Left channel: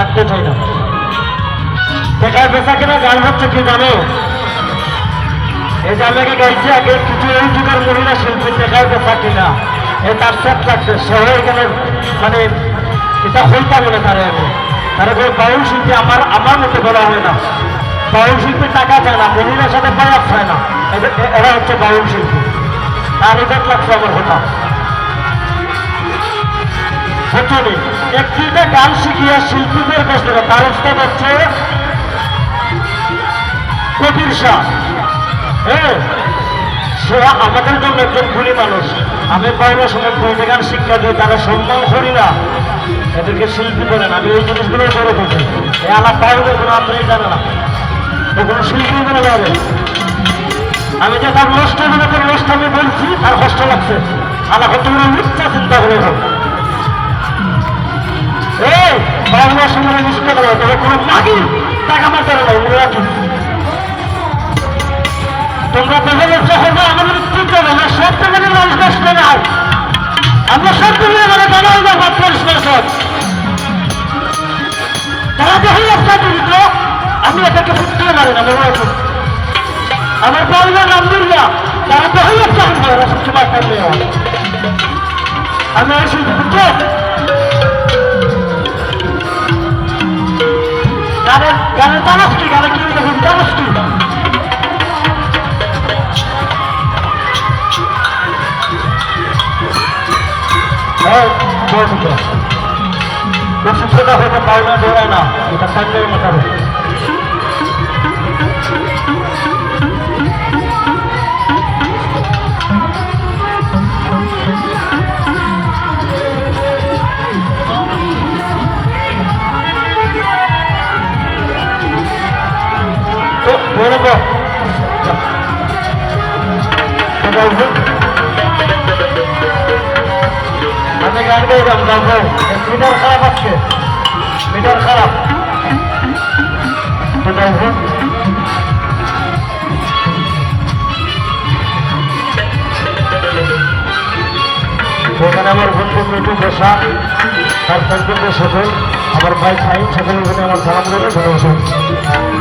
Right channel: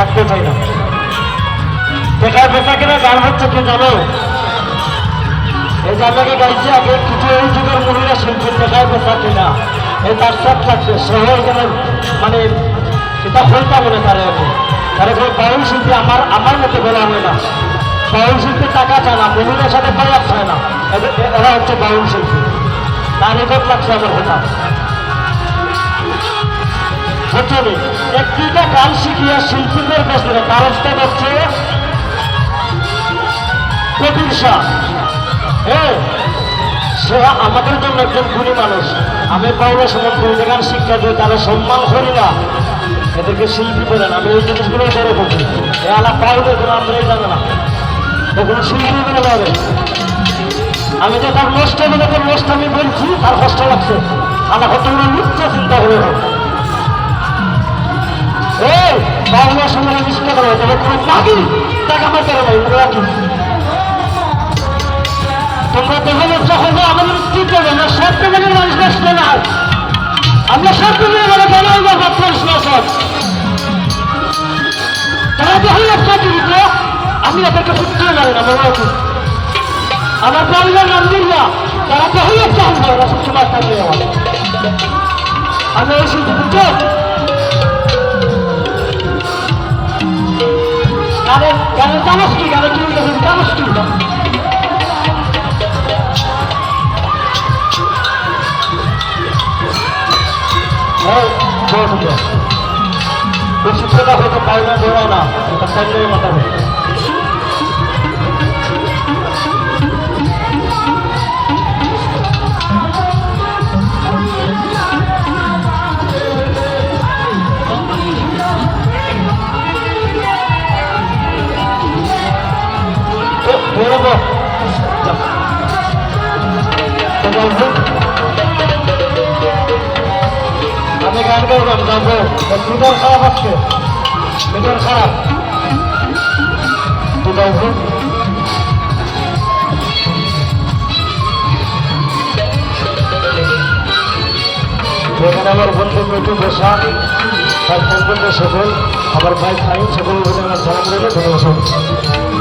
থাকতে চাই না দেখায় বেচা কিনা গান হচ্ছে কি জানো? এই জায়গাকে গাইছে আগে কিছু এই যুগের মহিলা শিল্পী দেখায় বেচা কিনা। এই তার সাথ লাগছে সহ এখানে মানে এটা হইতা মনে তারে আমি। তারা করে বাউল শিল্পী আমার আমার মতে বলা হয় না। বাউল শিল্পী টাকা চায় না, মহিলার সাথে প্রয়াস হয় না। এরা হচ্ছে বাউল শিল্পী। তার রেকর্ড লাগছে আমার কথা প্রথমে একটিতে গান শিখিয়ে শিল্পীদের থেকে তার স্থান হচ্ছে কবির শাহ। হ্যাঁ সে আমাদের জন্য একজন গুণী মানুষ। আমি পাইলে সময় বইতে গান শিক্ষা দিই তারা সম্মান করি না। এদেরকে শিল্পী বলেন, আমি এই জিনিসগুলো বড় করছি। এ আলাপ পাইলে কোনো আমরাই জানে না। কোনো শিল্পী বলে যাবে। আমি যে তার নষ্ট হবে, তার নষ্ট আমি বলছি, তার কষ্ট লাগছে। আমার কত মিথ্যা চিন্তা করে বাংলা সময় মিথ্যা করে তবে কোনো মাগি টাকা মারতে নাই, মনে রাখি। তোমরা দেখলে যখন আমাদের কি করবে আমরা সব থেকে মানুষ নষ্ট নাই আমরা সব থেকে মানে জানাই না মাত্র শাসক তারা যখন একটা জড়িত আমি এদেরকে ফুটতে মারি না, মনে রাখি। আমার পরিবার নাম দুর্গা। তারা যখন একটা হবে ওরা সবসময় থাকলে আমি এই শিল্পী গানের গানের তালাস কি গানের কি তালাস কি খুব সূত্রটা হতে পারে না এটা টাইমটাই মোটাবে আমি গান গাইলাম যাব মিটার খারাপ আছে মিটার খারাপ ওখানে আমার বন্ধু মিটু বসা তার সম্পর্ক সকল আমার ভাই খাই সকল বলে আমার সালাম করে ধন্যবাদ